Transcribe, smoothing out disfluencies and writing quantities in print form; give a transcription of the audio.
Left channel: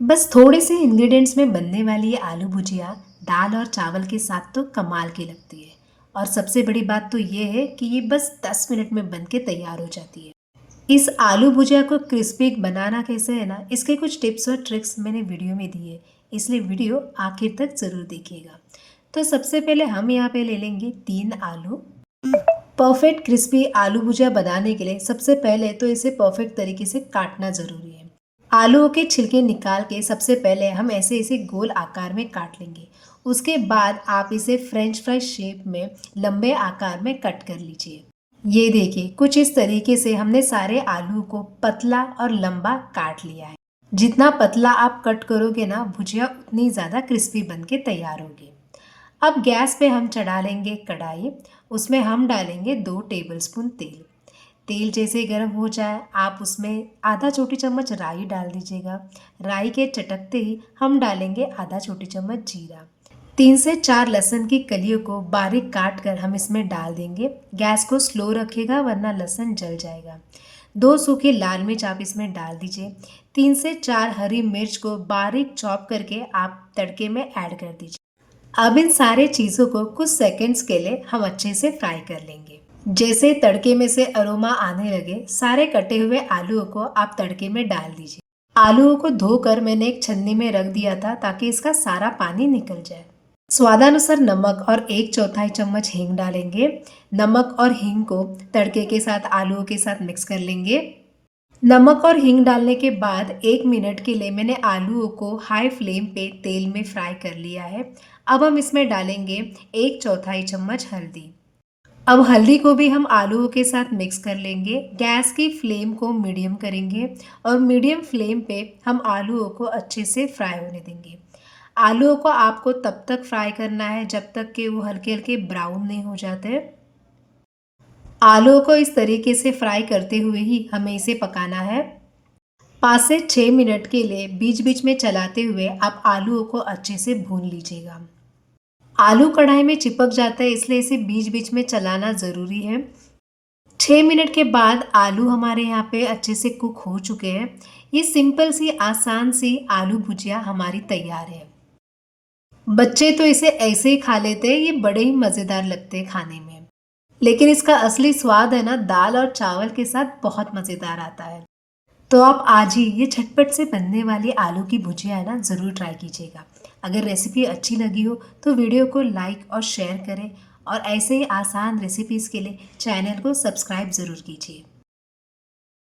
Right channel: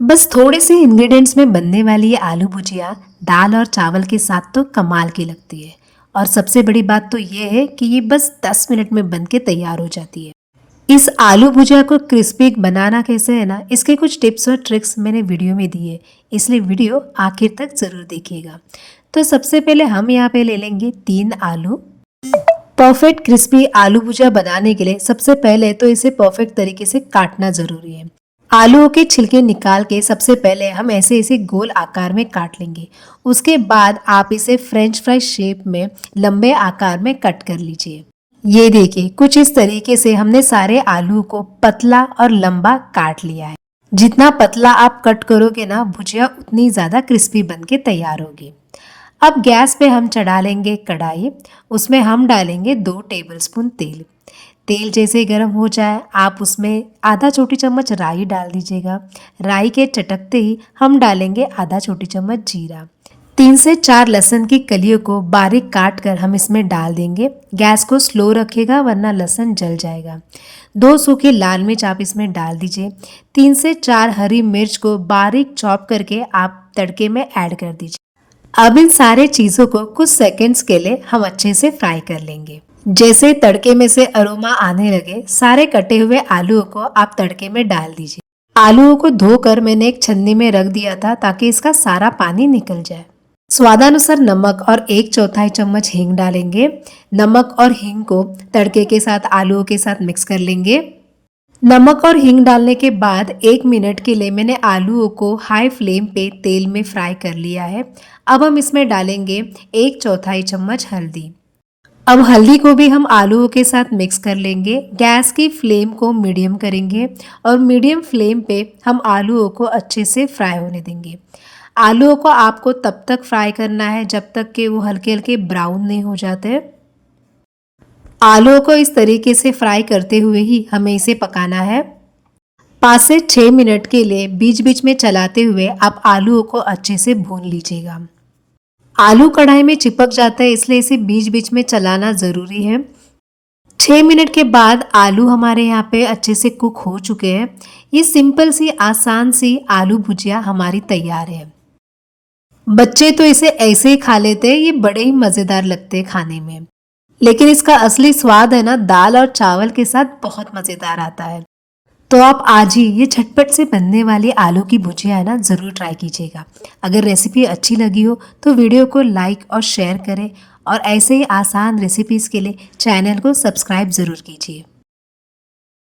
बस थोड़े से इंग्रेडिएंट्स में बनने वाली ये आलू भुजिया दाल और चावल के साथ तो कमाल की लगती है। और सबसे बड़ी बात तो ये है कि ये बस 10 मिनट में बन के तैयार हो जाती है। इस आलू भुजिया को क्रिस्पी बनाना कैसे है ना, इसके कुछ टिप्स और ट्रिक्स मैंने वीडियो में दिए, इसलिए वीडियो आखिर तक ज़रूर देखिएगा। तो सबसे पहले हम यहाँ पे ले लेंगे 3 आलू। परफेक्ट क्रिस्पी आलू भुजिया बनाने के लिए सबसे पहले तो इसे परफेक्ट तरीके से काटना ज़रूरी है। आलूओं के छिलके निकाल के सबसे पहले हम ऐसे ऐसे गोल आकार में काट लेंगे। उसके बाद आप इसे फ्रेंच फ्राई शेप में लंबे आकार में कट कर लीजिए। ये देखिए, कुछ इस तरीके से हमने सारे आलू को पतला और लंबा काट लिया है। जितना पतला आप कट करोगे ना, भुजिया उतनी ज़्यादा क्रिस्पी बन के तैयार होगी। अब गैस पे हम चढ़ा लेंगे कढ़ाई। उसमें हम डालेंगे 2 टेबलस्पून तेल। तेल जैसे गर्म हो जाए, आप उसमें आधा छोटी चम्मच राई डाल दीजिएगा। राई के चटकते ही हम डालेंगे आधा छोटी चम्मच जीरा। 3 से 4 लहसुन की कलियों को बारीक काट कर हम इसमें डाल देंगे। गैस को स्लो रखिएगा वरना लहसुन जल जाएगा। 2 सूखी लाल मिर्च आप इसमें डाल दीजिए। 3 से 4 हरी मिर्च को बारीक चॉप करके आप तड़के में ऐड कर दीजिए। अब इन सारे चीज़ों को कुछ सेकंड्स के लिए हम अच्छे से फ्राई कर लेंगे। जैसे तड़के में से अरोमा आने लगे, सारे कटे हुए आलूओं को आप तड़के में डाल दीजिए। आलूओं को धोकर मैंने एक छन्नी में रख दिया था ताकि इसका सारा पानी निकल जाए। स्वादानुसार नमक और 1/4 चम्मच हींग डालेंगे। नमक और हींग को तड़के के साथ आलूओं के साथ मिक्स कर लेंगे। नमक और हींग डालने के बाद 1 मिनट के लिए मैंने आलूओं को हाई फ्लेम पे तेल में फ्राई कर लिया है। अब हम इसमें डालेंगे 1/4 चम्मच हल्दी। अब हल्दी को भी हम आलूओं के साथ मिक्स कर लेंगे। गैस की फ्लेम को मीडियम करेंगे और मीडियम फ्लेम पे हम आलूओं को अच्छे से फ्राई होने देंगे। आलूओं को आपको तब तक फ्राई करना है जब तक कि वो हल्के हल्के ब्राउन नहीं हो जाते। आलूओं को इस तरीके से फ्राई करते हुए ही हमें इसे पकाना है। 5 से 6 मिनट के लिए बीच बीच में चलाते हुए आप आलूओं को अच्छे से भून लीजिएगा। आलू कढ़ाई में चिपक जाता है, इसलिए इसे बीच बीच में चलाना ज़रूरी है। 6 मिनट के बाद आलू हमारे यहाँ पे अच्छे से कुक हो चुके हैं। ये सिंपल सी आसान सी आलू भुजिया हमारी तैयार है। बच्चे तो इसे ऐसे ही खा लेते हैं, ये बड़े ही मज़ेदार लगते हैं खाने में। लेकिन इसका असली स्वाद है ना, दाल और चावल के साथ बहुत मज़ेदार आता है। तो आप आज ही ये झटपट से बनने वाली आलू की भुजिया है ना, ज़रूर ट्राई कीजिएगा। अगर रेसिपी अच्छी लगी हो तो वीडियो को लाइक और शेयर करें और ऐसे ही आसान रेसिपीज़ के लिए चैनल को सब्सक्राइब ज़रूर कीजिए।